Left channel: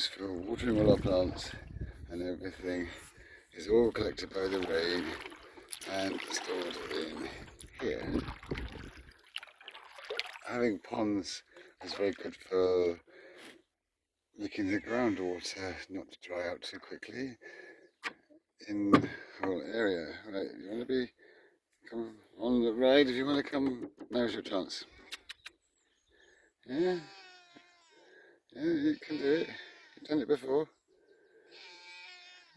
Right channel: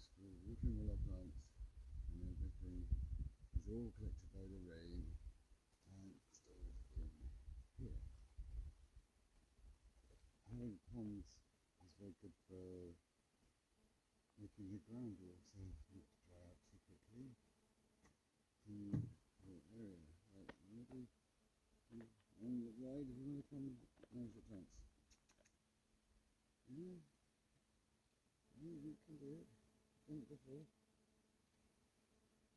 used for watering all our plants and everything is all collected by the rain and stored in here. Having ponds is very good for making the groundwater not to dry out too quickly in the whole area. Right, you want to come on the ride? If you want to come, now's your chance. Yeah, yeah, you can do it. You've done it before.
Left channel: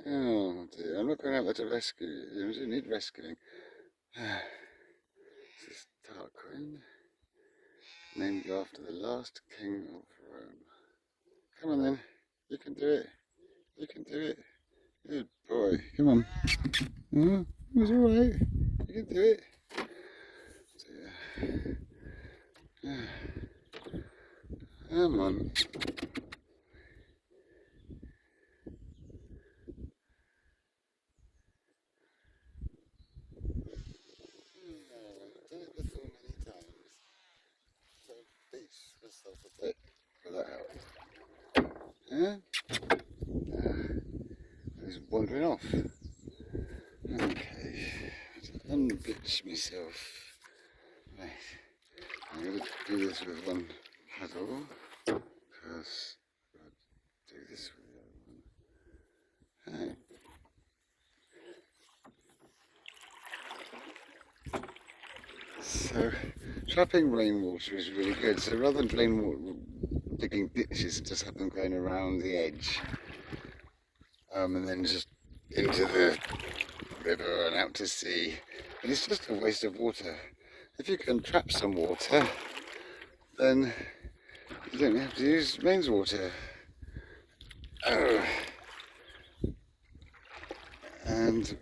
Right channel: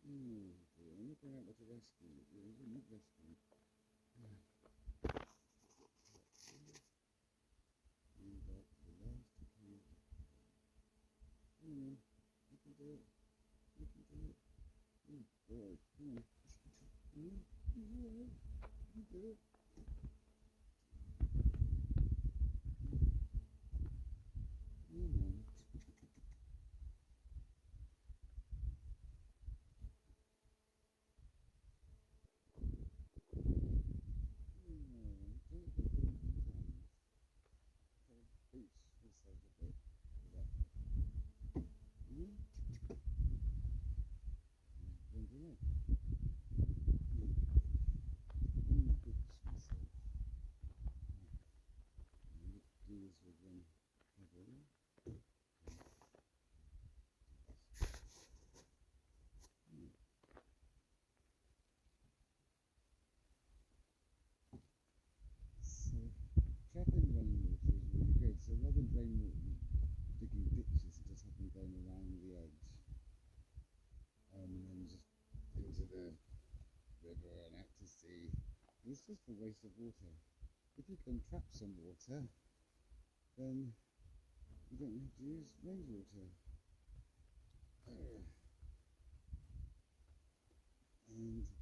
Oh dear, I'm not going out there to rescue you. You don't need rescuing. This is Tarquin, named after the last king of Rome. Come on then, you can do it. You can do it. Good boy. Come on. It was alright. You can do it. Come on. I've done it before many times. So beat myself a bit for that help. Yeah? He's wandering off. Okay. Unbitch myself. Right. I'm going to do this with one paddle. Because I'll do this with one. Right. So, trapping rainwater is really good. So rather than rainwater digging ditches and just have them going around the edge, and then just into the river and out to sea, and it's just a waste of water. If you can trap some water, then you don't have to use mains water. Oh. And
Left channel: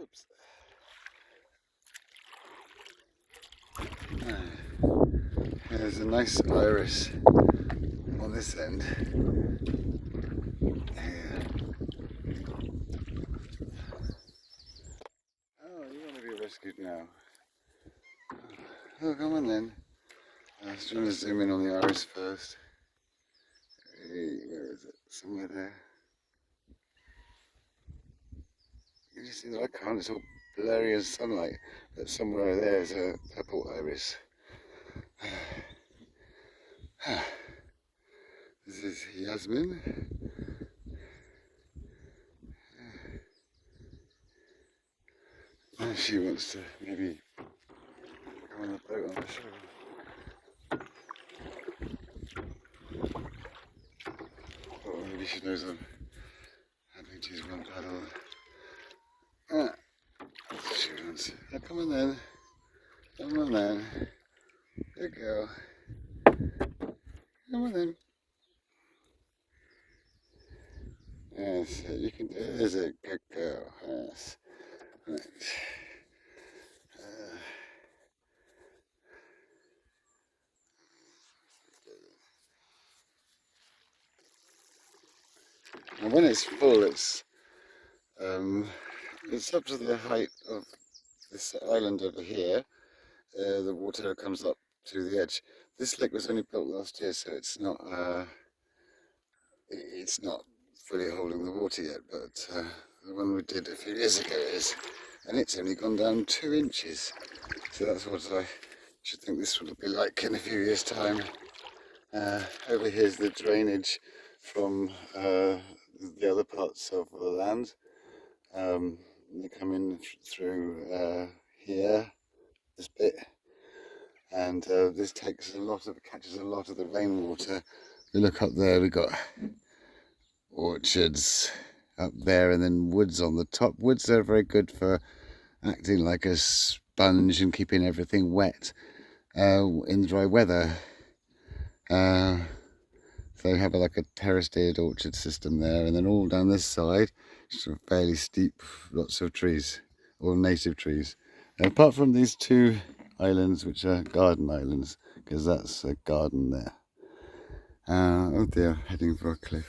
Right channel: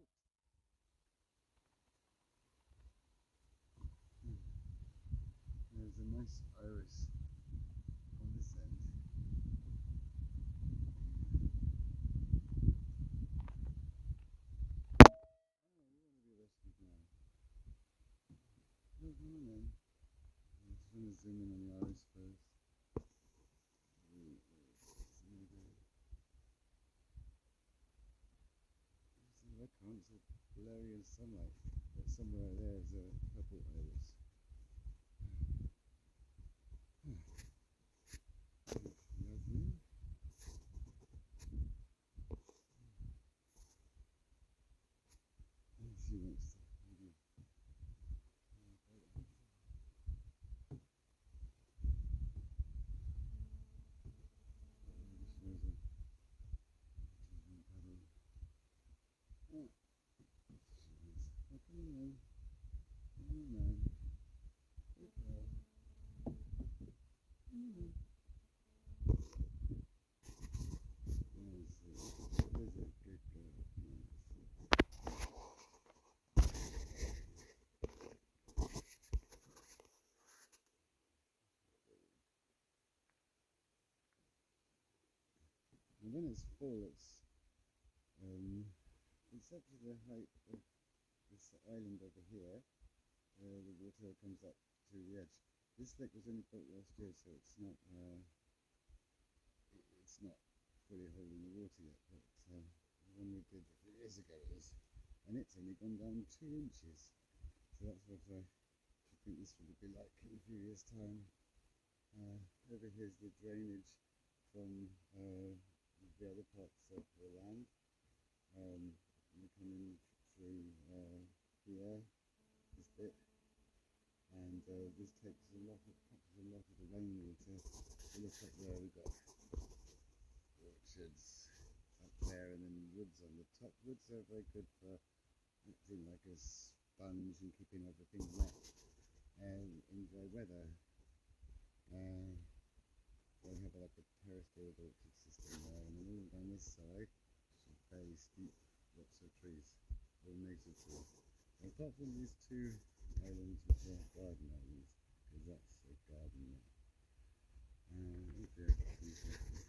oops. There's a nice iris on this end. Here. Oh, you want to be rescued now? Oh, come on then. I was trying to zoom in on the iris first. Hey, where is it? Somewhere there. You just see that I can't, it's all blurry as sunlight, but somewhere there's a purple iris. This is Yasmin. And she wants to maybe go on the boat on the shore. Or maybe she knows I'm having to use one paddle. She wants. Oh, come on then. Come on then. Good girl. Come on then. Yes, you can do it. There's a good girl. Yes. Right. And when it's full, it's up to the height of this island over here. The water comes up to the edge. This lake was only built last year, so it's not fully holding the water yet. But the one we did a few years ago is, and it's only gone down 2 inches. So that's what I should think this will be like in a few years' time. Over here's the drainage from the other parts of the land. They come in through here, this bit, and this catches a lot of the rainwater. You look up there, we've got orchards up there and then woods on the top. Woods are very good for acting like a sponge and keeping everything wet in dry weather. So you have like a terraced orchard system there, and then all down this side, sort of fairly steep, lots of trees, all native trees. And apart from these 2 islands, which are garden islands, because that's a garden there. Oh dear, heading for a cliff.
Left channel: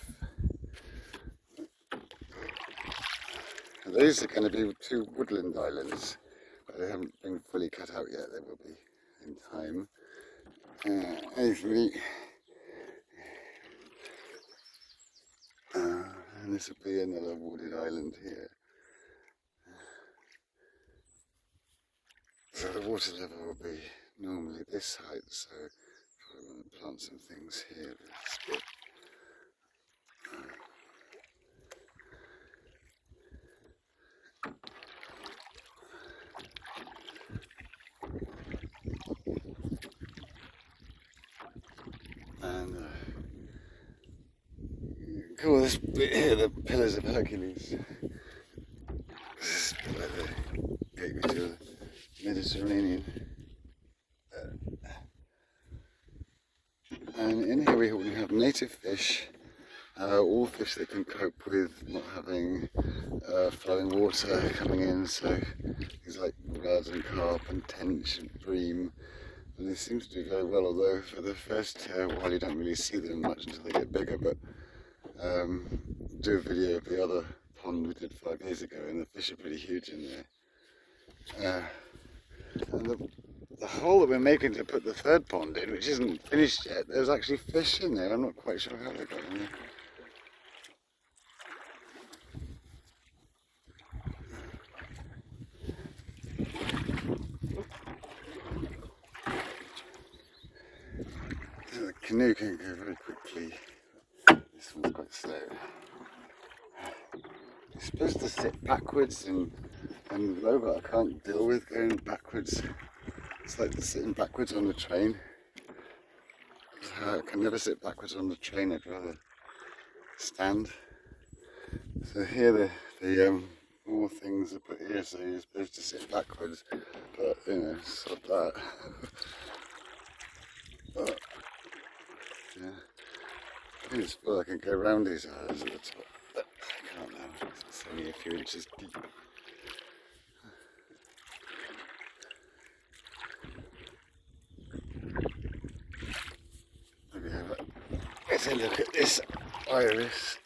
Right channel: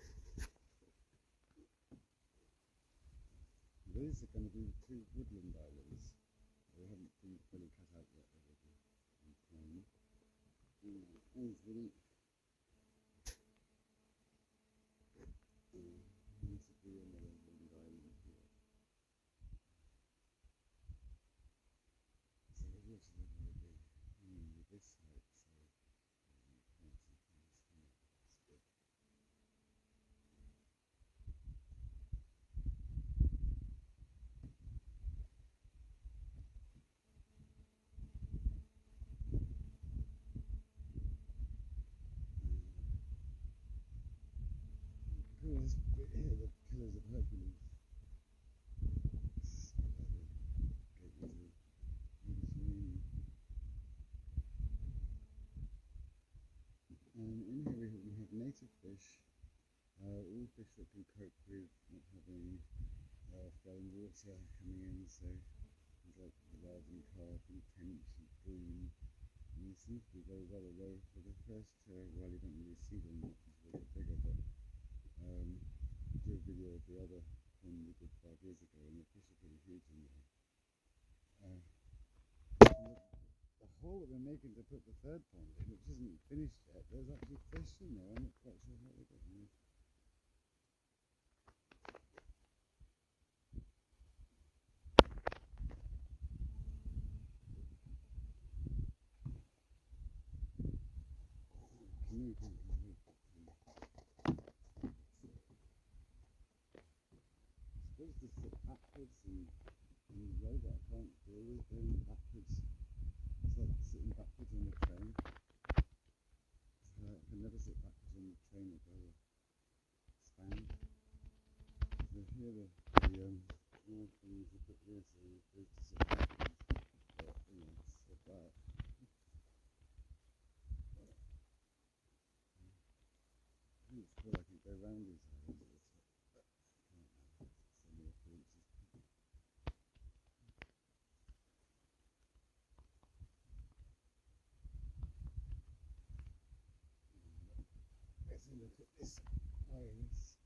These are going to be 2 woodland islands, but they haven't been fully cut out yet. They will be in time. Hey, sweetie. and this will be another wooded island here. So the water level will be normally this height, so probably want to plant some things here. And call this bit here the Pillars of Hercules. This is like the gateway to the Mediterranean. And in here we have native fish, all fish that can cope with not having flowing water coming in, so things like rudd and carp and tench and bream. And they seem to do very well, although for the first while you don't really see them much until they get bigger. But do a video of the other pond we did 5 years ago, and the fish are pretty huge in there. And the hole that we're making to put the third pond in, which isn't finished yet, there's actually fish in there. I'm not quite sure how they got in there. The canoe can go very quickly. This one's quite slow. You're supposed to sit backwards and low, but I can't deal with going backwards. It's like sitting backwards on the train. I can never sit backwards on the train, I'd rather stand. So here the more things are put here, so you're supposed to sit backwards, but you know, sod that. But, yeah. I think it's well I can go around these islands at the top, but I can't now, it's only a few inches deep. Maybe have a better look at this iris.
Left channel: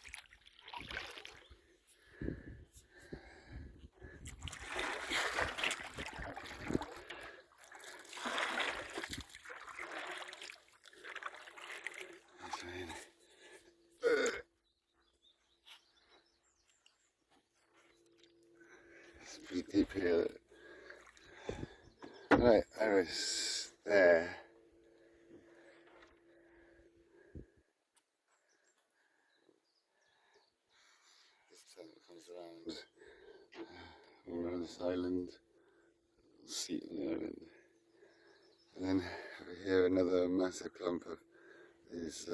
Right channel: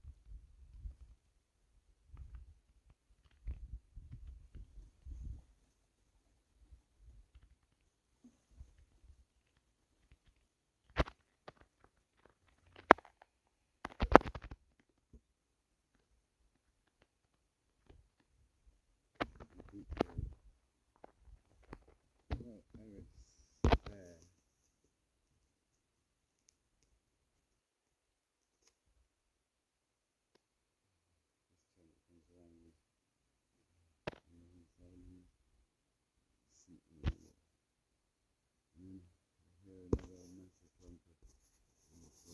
It's pretty deep here. Right, iris there. This time it comes around this island, seat on the island. And then over here another massive clump of these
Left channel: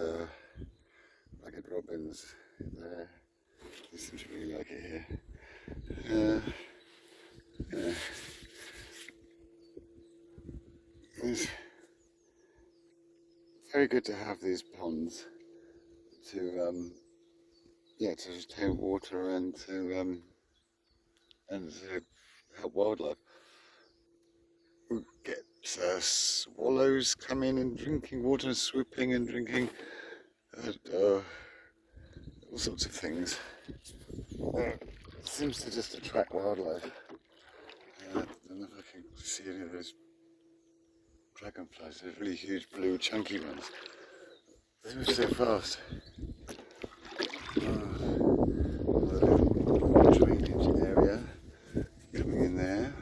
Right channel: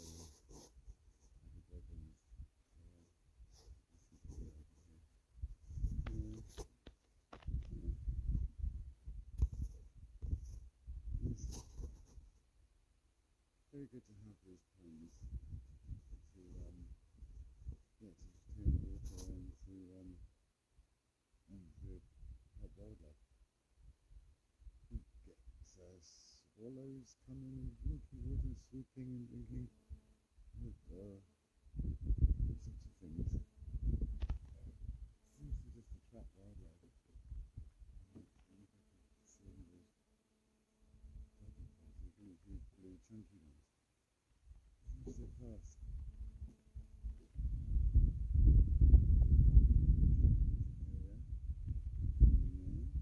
ragged robins there. They seem to really like it here. Yeah. It's very good to have these ponds to retain water and to help wildlife. We get swallows coming and drinking water, and swooping and drinking, all sorts of things. It seems to just attract wildlife. I don't know if I can see any of those dragonflies, those really huge blue chunky ones. They move so fast. Drainage area coming in there.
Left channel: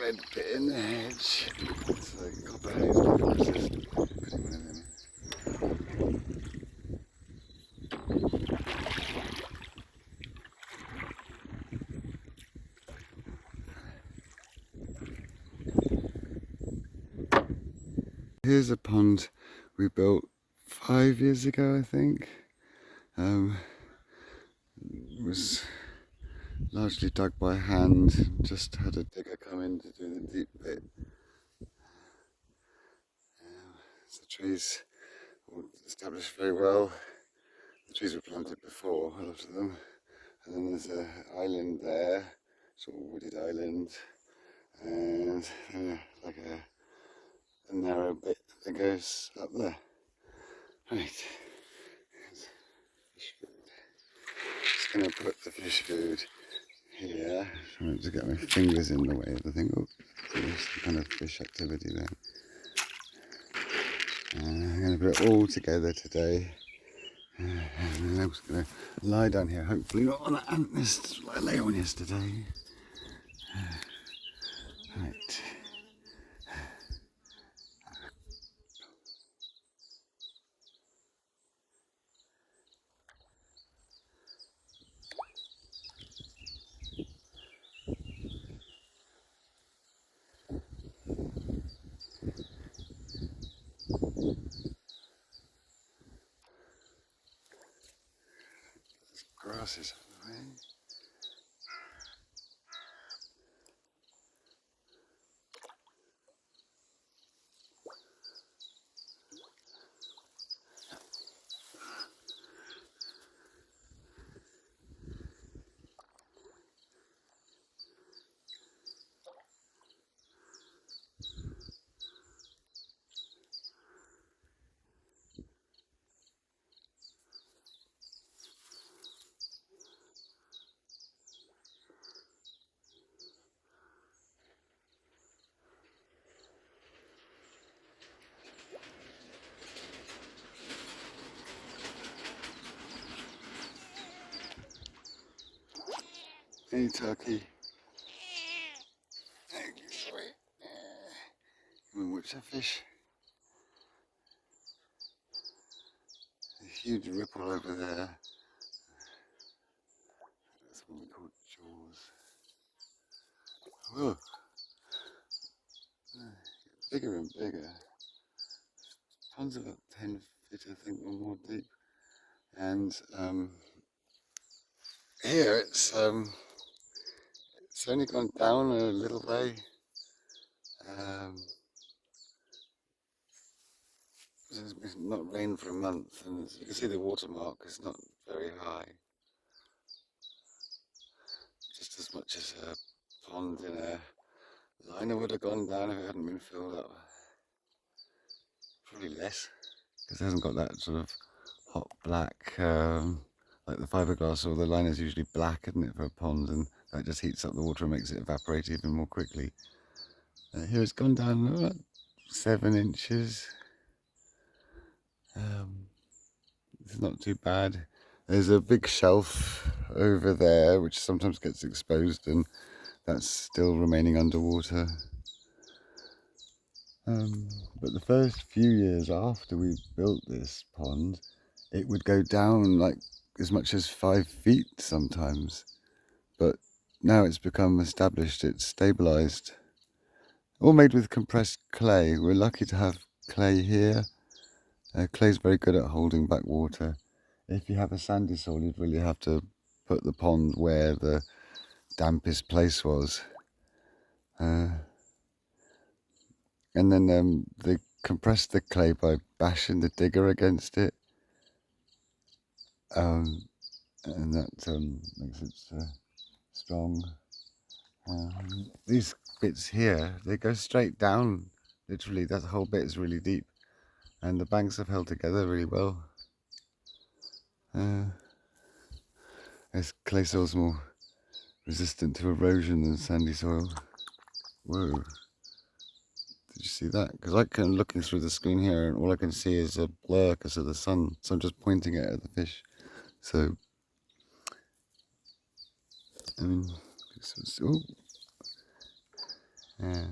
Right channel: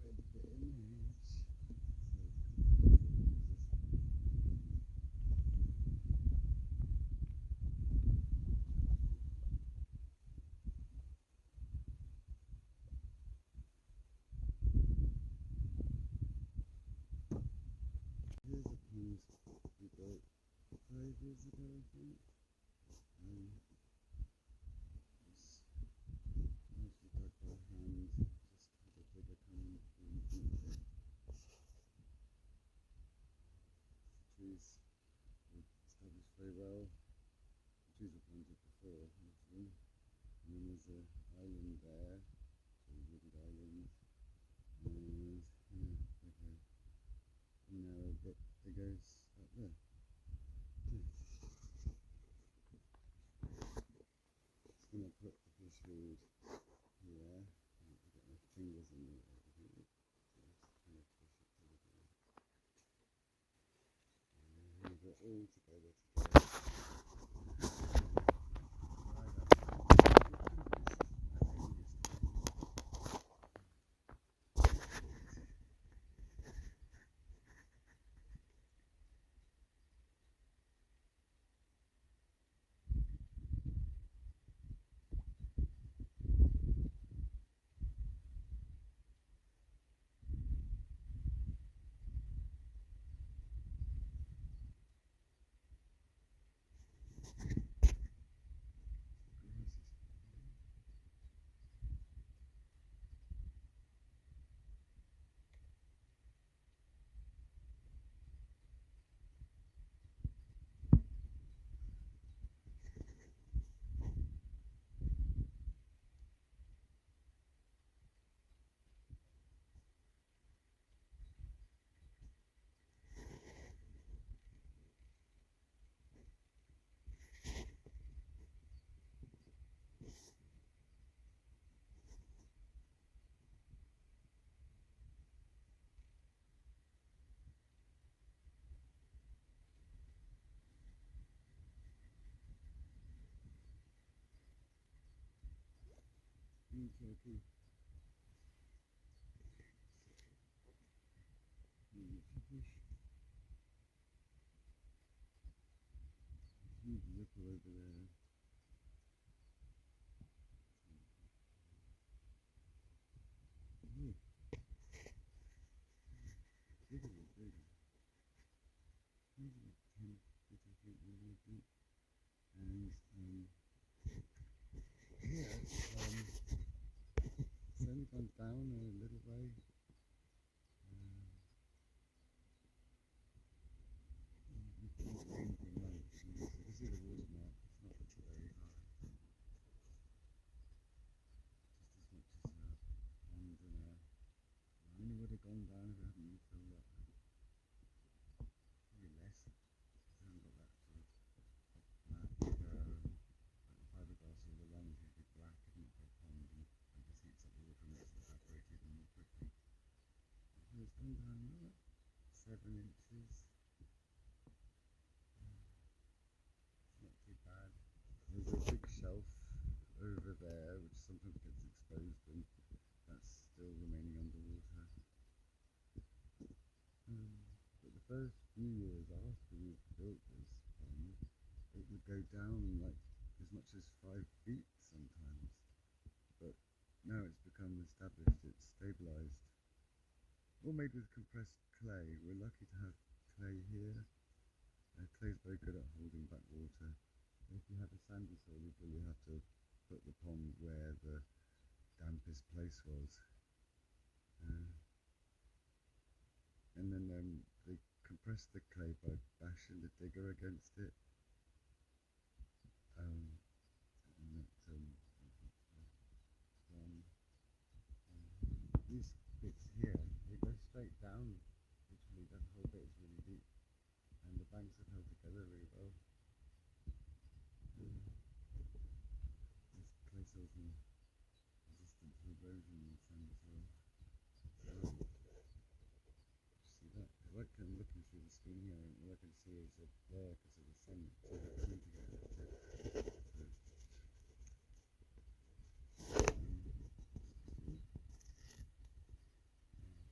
Red bit in the hedge. It's like copper haze, but it's just putting one in there. Here's a pond we built 5 years ago, I think. It was largely dug by hand, just had a digger come in to do the deep bit. The trees were established very well. The trees were planted before, a lot of them. And then there's an island there, sort of wooded island, and like a narrow bit that goes up there. Right. Just going to put the fish food here. Trying to get my fingers in the way of the thing. Oh, there's some kind of fish activity there. it all together today. And then I'm just going to lie down here, hopefully not on that ant nest I lay on yesterday. Right. Grasses on the way. Hey turkey. Thank you, sweet. Come and watch that fish. A huge ripple over there. That's what we call jaws. Whoa. Bigger and bigger. Ponds about 10 feet, I think, or more deep. And here it's only gone down a little way. It's not rained for a month, and you can see the watermark is not very high. Just as much as a pond in a liner would have gone down if it hadn't been filled up. Probably less, because it hasn't got that sort of hot black, like the fiberglass or the liner is usually black, isn't it, for a pond, and that just heats up the water and makes it evaporate even more quickly. Here it's gone down about 7 inches. It's not too bad. There's a big shelf over there which sometimes gets exposed, and that's still remaining underwater. But the first few years after we built this pond, it would go down like as much as 5 feet sometimes. But now it's become established, it's stabilised. All made with compressed clay. We're lucky to have clay here. Clay's very good at holding back water. If you have a sandy soil, you'd really have to put the pond where the dampest place was. And then they compress the clay by bashing the digger against it. And that makes it strong. These bits here, they go straight down, literally. That whole bit is really deep. And the banks have held together really well. This clay soil's more resistant to erosion than sandy soil. Whoa. Did you see that? Because I can looking through the screen here and all I can see is a blur because of the sun. So I'm just pointing it at the fish. So, I mean, yeah.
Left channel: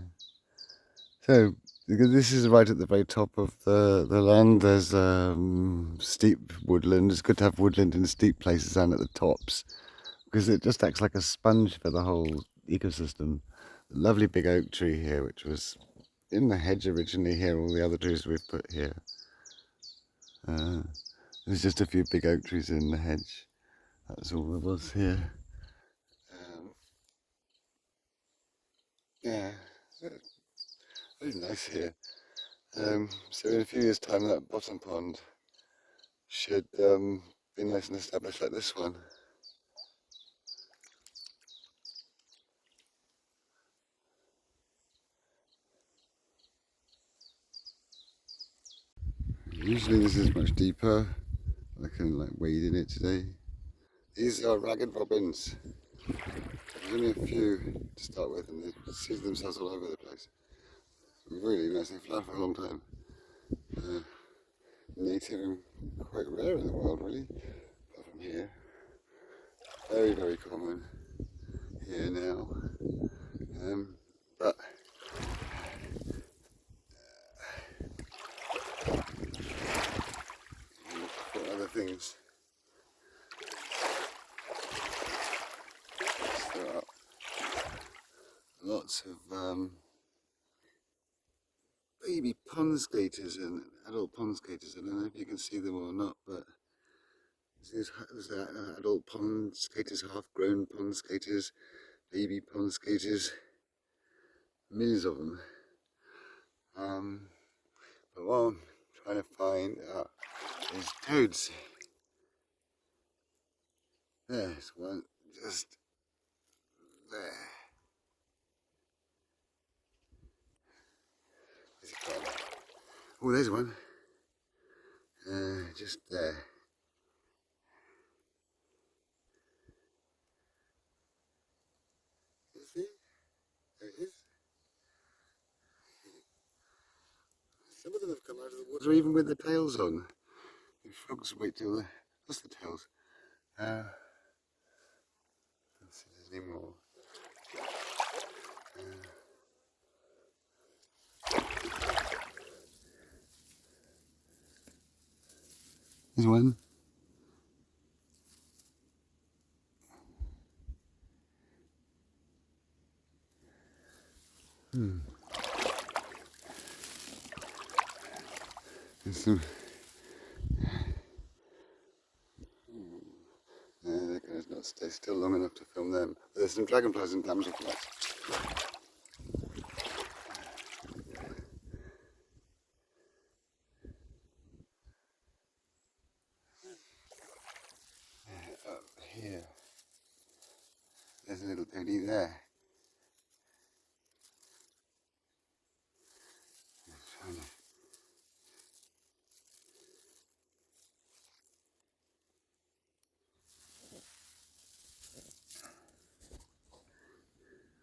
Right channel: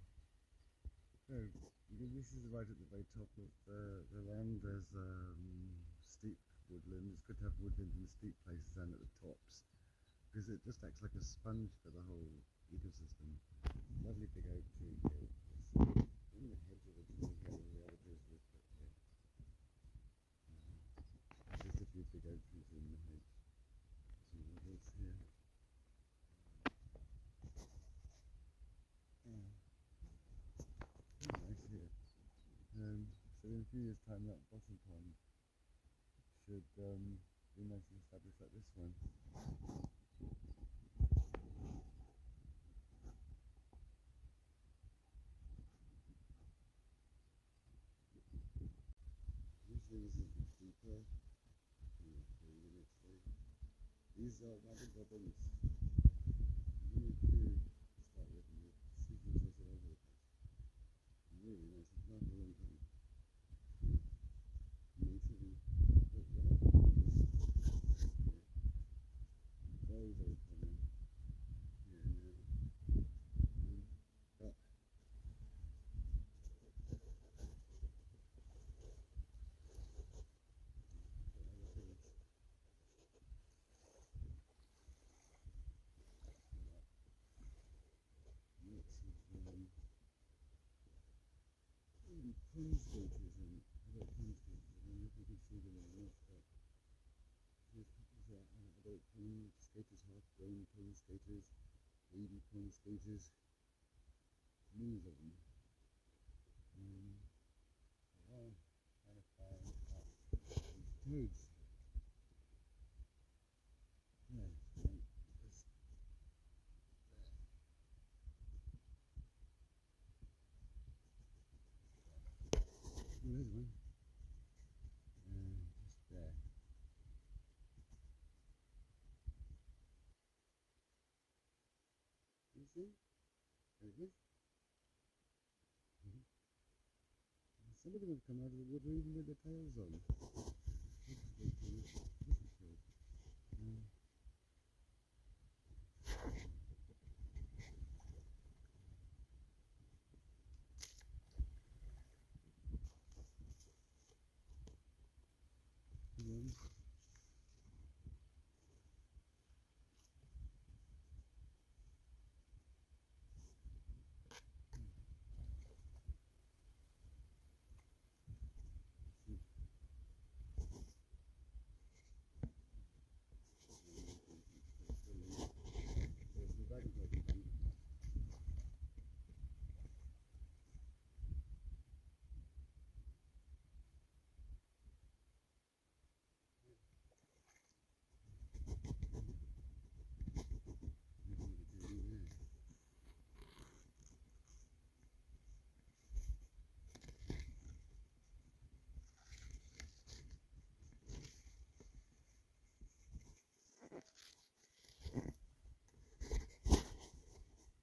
So, because this is right at the very top of the land, there's steep woodland. It's good to have woodland in steep places and at the tops, because it just acts like a sponge for the whole ecosystem. Lovely big oak tree here, which was in the hedge originally here, all the other trees we've put here. There's just a few big oak trees in the hedge. That's all there was here. Yeah, very nice here. So in a few years' time, that bottom pond should be nice and established like this one. Usually this is much deeper. I can like wade in it today. These are ragged robins. There's only a few to start with, and they see themselves all over the place. Really nice. They fly for a long time. native and quite rare in the world, really, apart from here. Very, very common here now. But for other things, there are lots of baby pond skaters and adult pond skaters. I don't know if you can see them or not, but there's adult pond skaters, half-grown pond skaters, baby pond skaters, millions of them. But what I'm trying to find is toads. There's one just there. Where's it gone? Oh, there's one. Just there. Is he? There he is. Some of them have come out of the water even with the tails on. The frogs wait till what's the tails? Let's see any more. There's one. There's some. That guy's not stay still long enough to film them. But there's some dragonflies and damselflies. Up here. There's a little toadie there.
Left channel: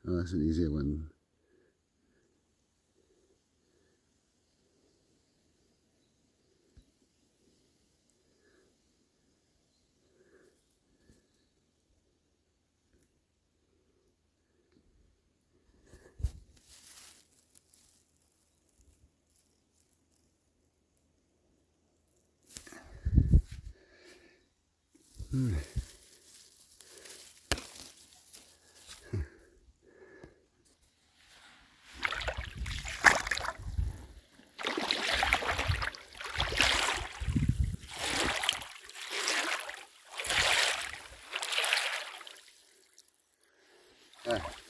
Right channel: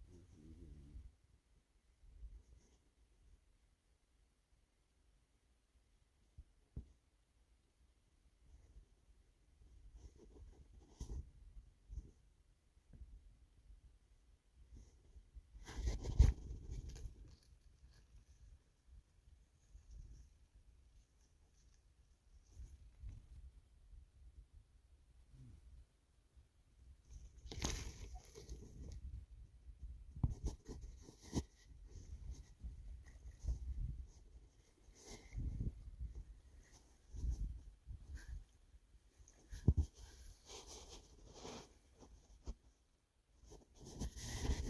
Oh, that's an easier one.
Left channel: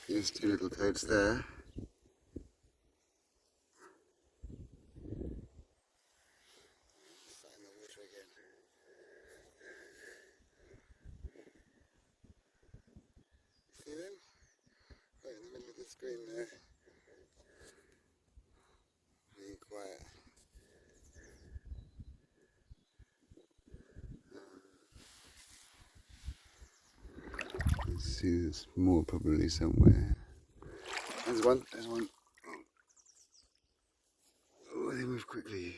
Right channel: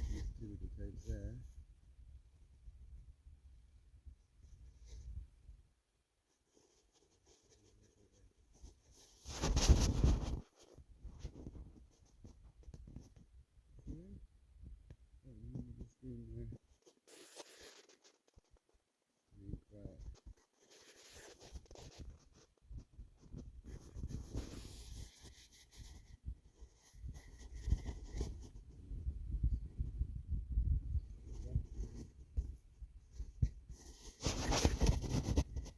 There's two little toads there. Find the water again. See them? Right in the middle of the screen there. Being quiet. Let's see, there's more probably somewhere. There's one, there's one. Oh, they move quickly.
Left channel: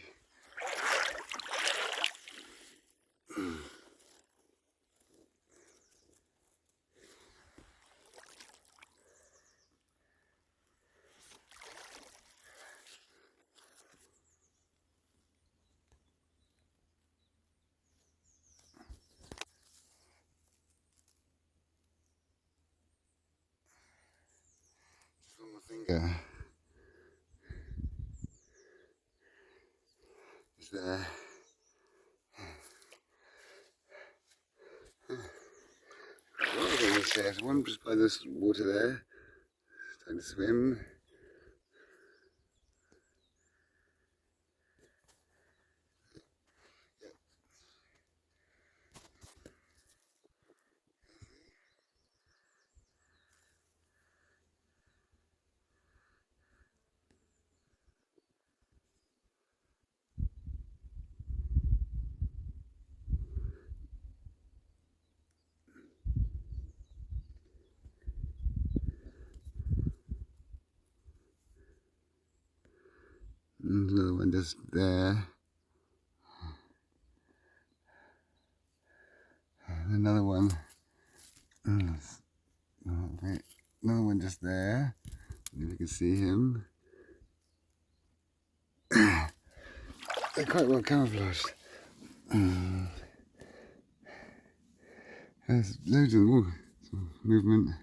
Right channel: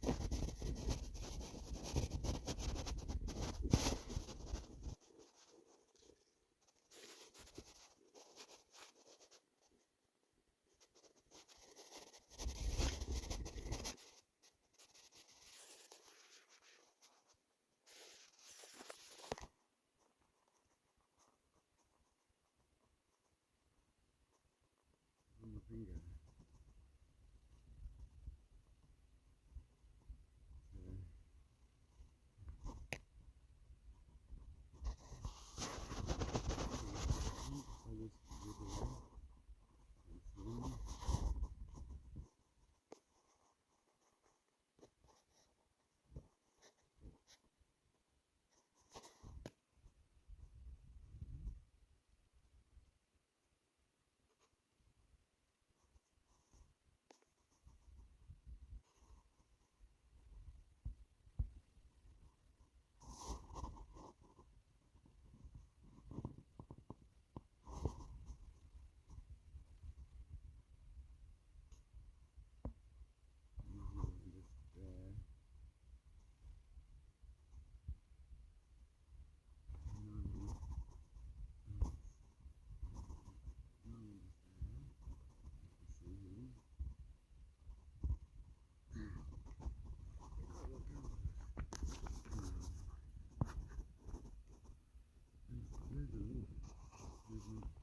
Just one more finger. It's there. There's one just by this water there. Trying to swim. And another one just there. Another one. Okay. Another one just there. If you can see him. They're quite well camouflaged. There's loads of movement.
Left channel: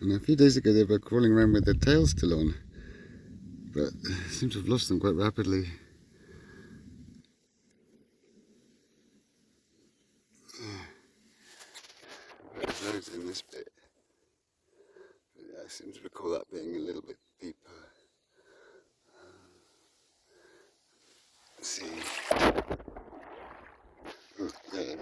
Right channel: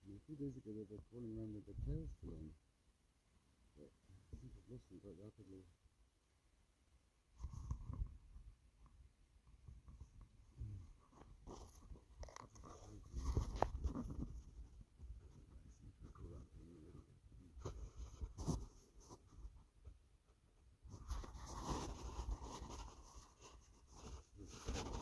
And a few days ago they were crawling around with their tails still on, but seem to have lost them quite rapidly. There's loads in this bit. But yeah, I seem to recall that being a little bit deeper. Let's see. Oh, there.